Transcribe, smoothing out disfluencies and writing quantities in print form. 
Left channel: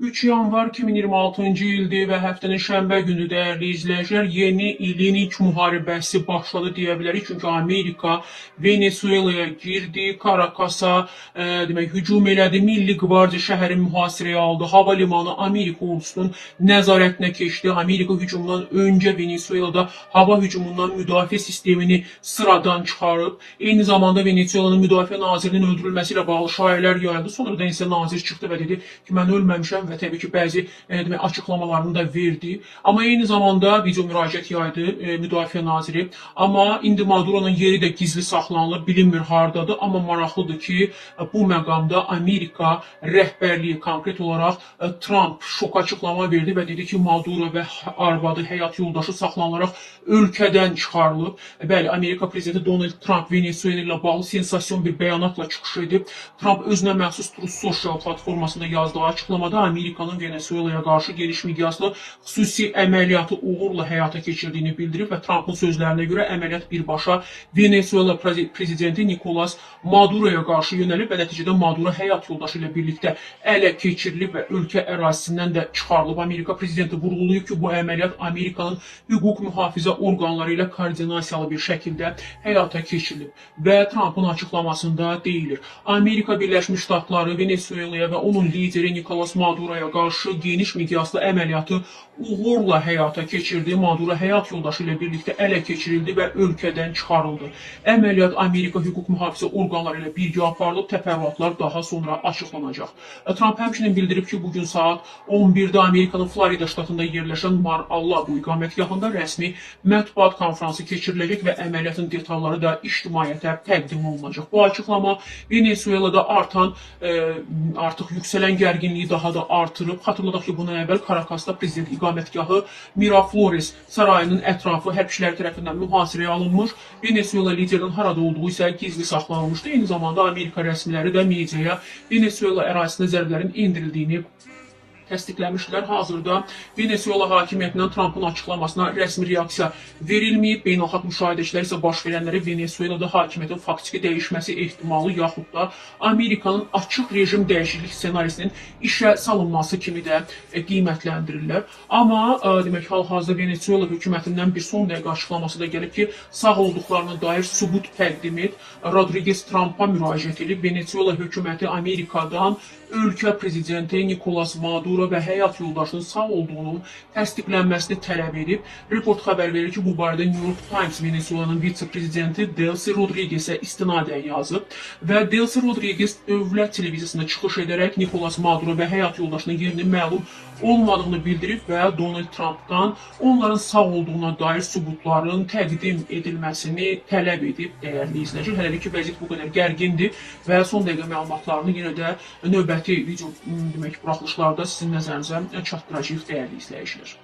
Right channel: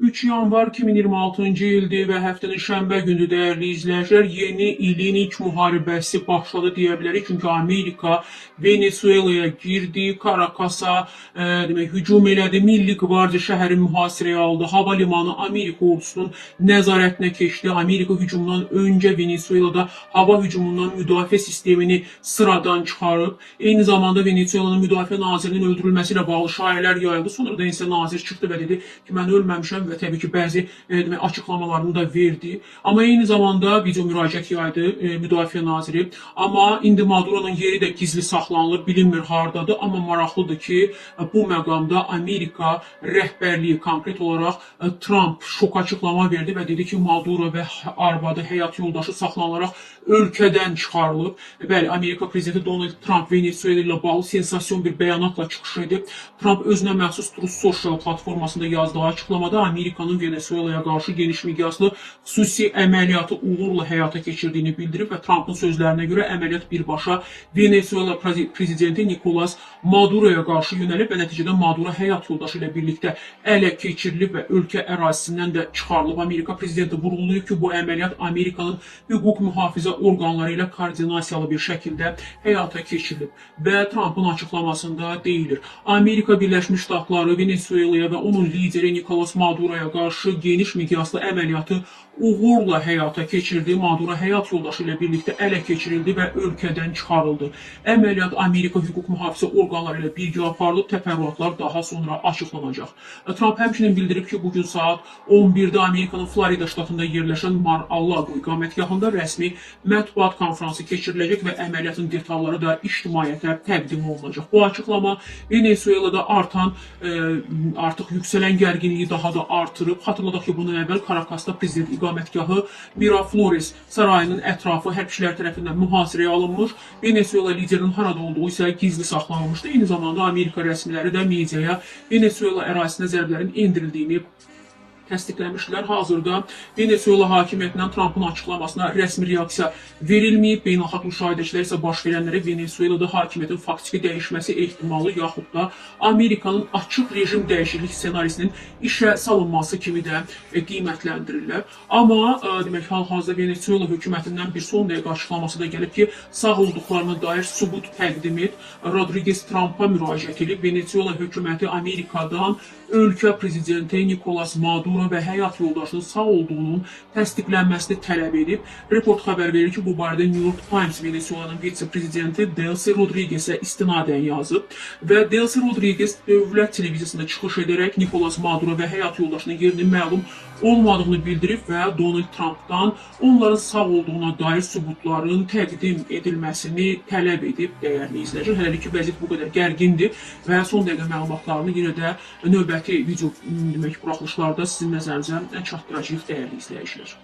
3 yanvar 2026-cı ildir və həftənin şənbə günü dəyərli izləyicilər, yeni ilin ilk müharibəsi başladı deyə bilərik. Çünki Amerika Venezuelaya girdi, Karakasa demək hücum elədi, Milli Qvardiya şəhəri mühasirəyə aldı, hava limanı Amerika ordusunun nəzarətinə keçdi. Amerika hücumundan öncə Venezuelada hava hücumundan müdafiə sistemini sıradan çıxarıb. Eyni zamanda Venezuelanın müdafiə nazirinin öldürülməsi ilə bağlı şayiələr yayıldı. Sonra da isə nazir çıxdı və dedi ki, mən ölməmişəm və təbii ki, bəzi açıqlamalarını da verdi. Amma eyni zamanda video müraciət yaydı müdafiə naziri. Amma indi Maduro'nun yeri də gizli saxlanılır, bilinmir hardadır. Amma maraqlıdır ki, bu məqamda Amerika rəhbərliyi konkret olaraq Trump şok açıqlama verdi və dedi ki, Maduro və arvadı, həyat yoldaşı saxlanılaraq ölkədən çıxarılıb. Bəli, Amerika prezidenti Donald Trump Venezuela ilə bağlı sensasyon bir bəyanatla çıxış edib. Trump özünə məxsus Truth Social platformasında yazdığı açıqlamada Amerikanın Venezuelaya qarşı geniş miqyaslı xüsusi əməliyyatı uğurla həyata keçirdiyini bildirib və Trumpın sözlərinə görə əməliyyat birbaşa Venezuela prezidenti Nicolas Maduro'ya qarşı yönəlib və nəticədə Maduro həyat yoldaşı ilə birlikdə ələ keçirilib və ölkə ərazisindən də çıxarılıb. Amerika prezidenti vurğulayıb ki, bu əməliyyat Amerikanın hüquq mühafizə orqanları ilə koordinasiyalı bir şəkildə həyata keçirilib və Trumpın açıqlamasında deyilir. Amerika Birləşmiş Ştatları Venezuelaya və onun lideri Nicolas Maduro'ya qarşı geniş miqyaslı əməliyyatı uğurla həyata keçirdi. Maduro həyat yoldaşı ilə birlikdə ələ keçirildi və ölkədən çıxarıldı. Əməliyyat Amerika hüquq mühafizə orqanları ilə birgə aparılıb, təfərrüatlar daha sonra açıqlanacaq. Trump həmçinin bildirib ki, bugün saat 11-də Amerikanın Florida ştatında yerləşən Mar-a-Lago iqamətgahında rəsmi mətbuat konfransı keçiriləcək və əməliyyatın detalları da ictimaiyyətə təqdim olunacaq. Bu açıqlama Venezuelada artıq yüksələn gərginliyi daha da artırıb. Xatırladaq ki, bundan əvvəl Karakasda prezident iqamətgahı Miraflores sarayının ətrafı hərbçilər tərəfindən mühasirəyə alınmış. Venezuela liderinin harada olduğu isə gizli saxlanılmışdı. Eyni zamanda Amerika rəsmiləri də mediaya Venezuela ərazisinə zərbələrin endirildiyini təsdiqləmişdilər. Hazırda Venezuela hakimiyyətindən Trumpın açıqlamasına rəsmi reaksiya verilməyib. Beynəlxalq müşahidəçilər isə baş verənləri Venezuelada hakimiyyətin faktiki dəyişməsi ehtimalı yaxud da Amerikanın açıq rejim dəyişiklik ssenarisinin işə salınması kimi də qiymətləndirirlər. Amma demək hal-hazırda Venezuela hökumətindən bir son dəqiqə açıqlaması da gəlib ki, sağ olduqlarına dair sübut təqdim et. Rodriguez Trump'a müraciət edib. Venezuela hökuməti Amerikadan ölkə prezidenti Nicolas Maduro və həyat yoldaşının sağ olduğunun təsdiqlənməsini tələb edib. Report xəbər verir ki, bu barədə New York Times Venezuelanın vitse-prezidenti Delcy Rodriguez'ə istinadən yazıb və Delcy Rodriguez dövlət televiziyasında çıxış edərək Nicolas Maduro və həyat yoldaşının yerinin məlum olmadığını bildirib və Donald Trump'dan onların sağ olduğuna dair sübutların təqdim edilməsini tələb edib. Dəyərli izləyicilər, hələlik ki, vəziyyət bu qədər gərgindir və son dəqiqə məlumatlarını yenə də növbəti video buraxılışlarda sizin nəzərinizə çatdıracağıq dəyərli izləyicilər.